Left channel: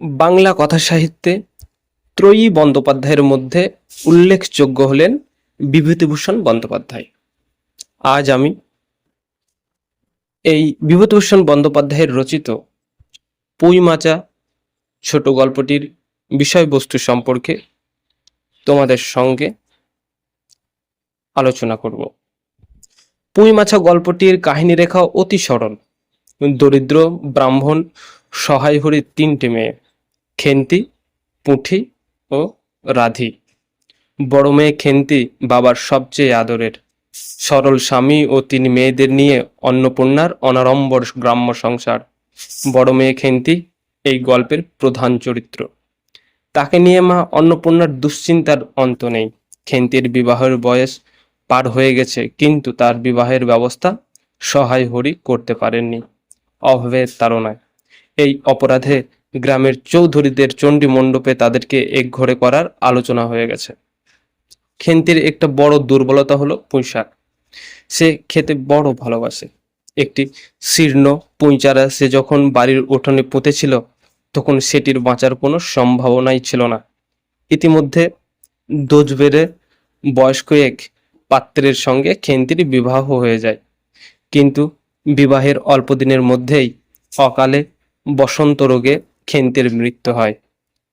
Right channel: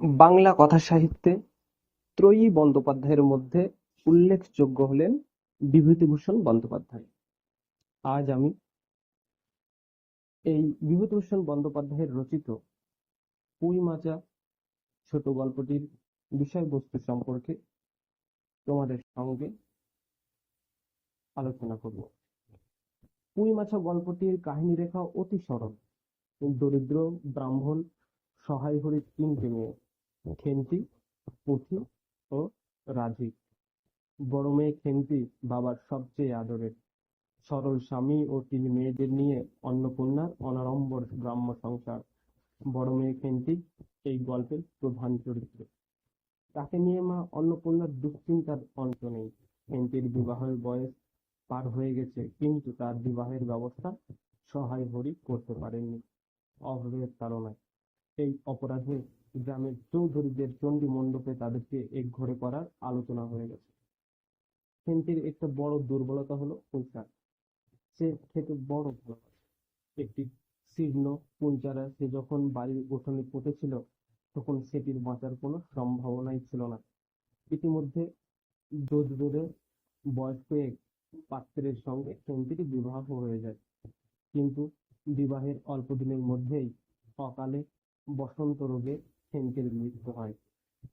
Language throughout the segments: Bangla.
বাংলা কথা সাহিত্যে ত্রয়ী বন্দ্যোপাধ্যায়ের মধ্যে উল্লেখযোগ্য হলেন বিভূতিভূষণ বন্দ্যোপাধ্যায়। আজ আমি এই বিভূতিভূষণ বন্দ্যোপাধ্যায়ের রচিত পুঁইমাচা ছোট গল্পটির বিষয়বস্তু সম্পর্কে তোমাদের সঙ্গে আলোচনা করব। পুঁইমাছা গল্পটির কাহিনী রেখা অতি সরল। দরিদ্র ব্রাহ্মণ সহায় হরির তিনটে মেয়ে। খেন্তি, পুঁঠি ও রাধি। বড় মেয়ে খেন্তি বাবার সবচেয়ে আদরের। সরল স্বামী ও তিন মেয়েদের নিয়ে অন্নপূর্ণার অনাড়ম্বর গ্রাম্য সংসার। বড় মেয়ে খেন্তি এই গল্পের প্রধান চরিত্র। তাকে নিয়ে মা অন্নপূর্ণার দুশ্চিন্তার অন্ত নেই। খেন্তির বিবাহের বয়স পার হয়ে গেছে, কিন্তু তার বিবাহের ব্যবস্থা সহায় হরি করতে পারেননি। অভাবের তাড়নায়। এই অপরাধে গ্রামের চৌধুরীদের চণ্ডী মণ্ডপে তাদেরকে একঘরে করার আলোচনা হয়ে গেছে। খেন্তির একটা বড় দুর্বলতা হলো পুঁইশাক। সে খেতে বড় ভালোবাসে। একটি শীর্ণ পুঁইচারা সে যখন বাড়ির উঠোনে পুঁতেছিল, তখন সেটির বাঁচার কোনো সম্ভাবনাই ছিল না। ইতিমধ্যে দোজ বেড়ে বয়স্ক এক পাত্রের সঙ্গে খেন্তির বিবাহ হয়ে যায়। কিন্তু বিবাহের অল্প দিনের মধ্যেই অকালে বসন্ত রোগে খেন্তির মৃত্যু হয়।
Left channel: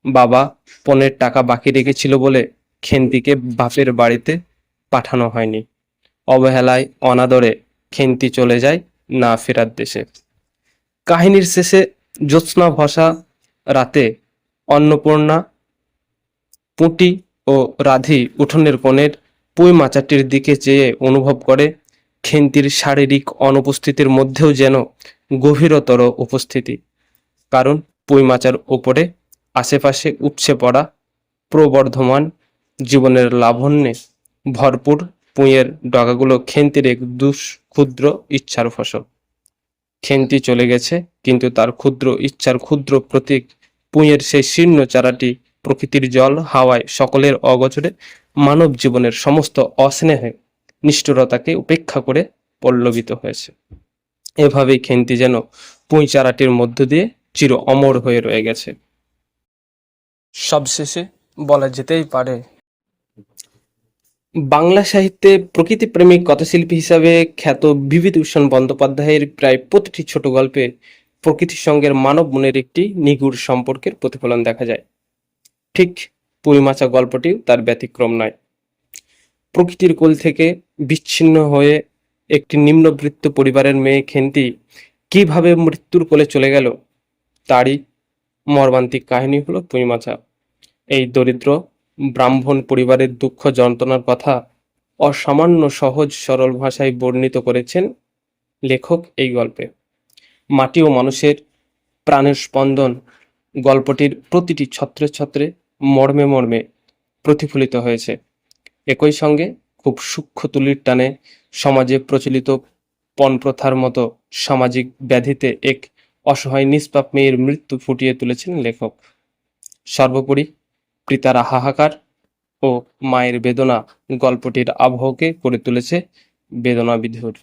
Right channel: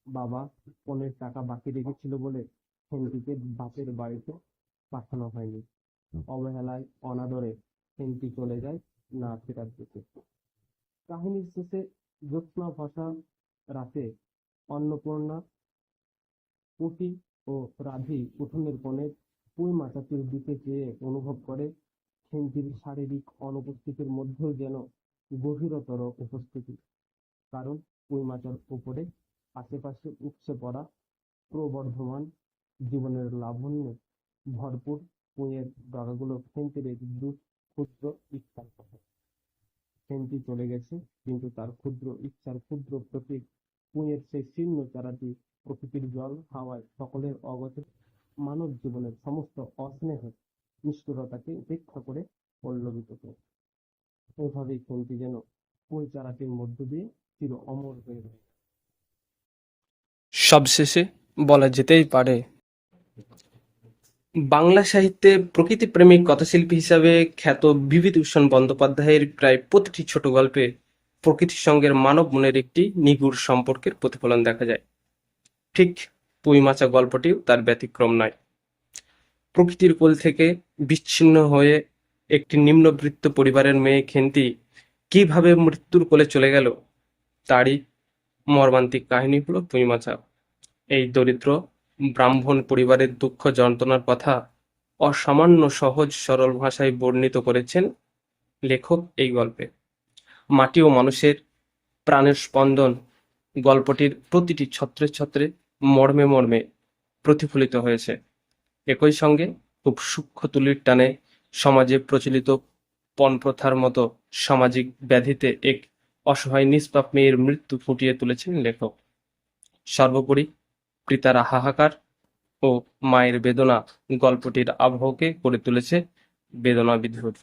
বাবা পনেরো টাকা বাকি রেখেছিল বলে খেন্তিকে বাপের বাড়িতে পাঠানো হয়নি। অবহেলায় অনাদরে খেন্তি চলে যায় না ফেরার দেশে। কাহিনীর শেষে জ্যোৎস্না ভসা রাতে অন্নপূর্ণা, পুঁটি ও রাধি উঠোনের কোণের পুঁই মাচাটির দিকে চেয়ে অনুভব করে খেন্তির শারীরিক অনুপস্থিতির মধ্যেও যেন গভীরতর উপস্থিতি। কারণ পুঁই মাচার ওপরে আশেপাশে উপচে পড়া প্রবর্ধমান জীবনের লাবণ্যে ভরপুর পুঁইয়ের ডগাগুলো খেন্তির এক দুষ ক্ষুদ্র ইচ্ছার ফসল। খেন্তি চলে গেছে, কিন্তু তার ক্ষুদ্র ইচ্ছার ক্ষুদ্র প্রতীক পুঁইয়ের সেই শীর্ণ চারাটি প্রকৃতির জল, হাওয়ায়, সকলের অগোচরে মানব জীবনের সমস্ত অস্নেহে নিষ্ঠুরতাকে উপেক্ষা করে পল্লবিত হয়েছে। এভাবেই খেন্তি যেন পুঁই চারাটির মধ্য দিয়ে চির অমর হয়ে রয়ে গেছে। সবশেষে বলা যেতেই পারে, বাংলা সাহিত্যে প্রকৃতিপ্রেমিক কথাশিল্পী হিসাবে খ্যাত বিভূতিভূষণ বন্দ্যোপাধ্যায়ের প্রায় প্রতিটি ছোট গল্পে প্রকৃতির সঙ্গে মানব মনের একটি নিগুড় সম্পর্কের প্রতিফলন দেখা যায়। ঠিক পুঁইমাচা গল্পটিও তার ব্যতিক্রম নয়। প্রকৃতির কোল থেকে বিচ্ছিন্ন হয়ে একটি নিম্নবৃত্ত পরিবারের মেয়ে খেন্তি কীভাবে মৃত্যুর কোলে চলে গেল তারই মর্মান্তিক কাহিনী হলো পুঁইমাচা এই দরিদ্র ব্রাহ্মণ পরিবারের দুঃখ যন্ত্রণার কথা অসামান্য সহজ সরল ভাষায় বর্ণিত করেছেন লেখক এই গল্পে। মাটি ও মানুষের প্রাণের স্পন্দন গল্পটির প্রতিটি ছত্রে ছত্রে মর্মে মর্মে প্রতিফলিত হয়েছে। একই সঙ্গে খুব সূক্ষ্ম তুলির টানে সমাজে প্রচলিত পণপ্রথার মতো সামাজিক ব্যাধিতে এক অসহায়, নিষ্পাপ মেয়ের মৃত্যু ফুটিয়ে তুলেছেন লেখক। সর্বোপরি পিতারা হাহাকার ও মায়ের বেদনা গল্পটির আবহকে করে তুলেছে বেদনা বিধুর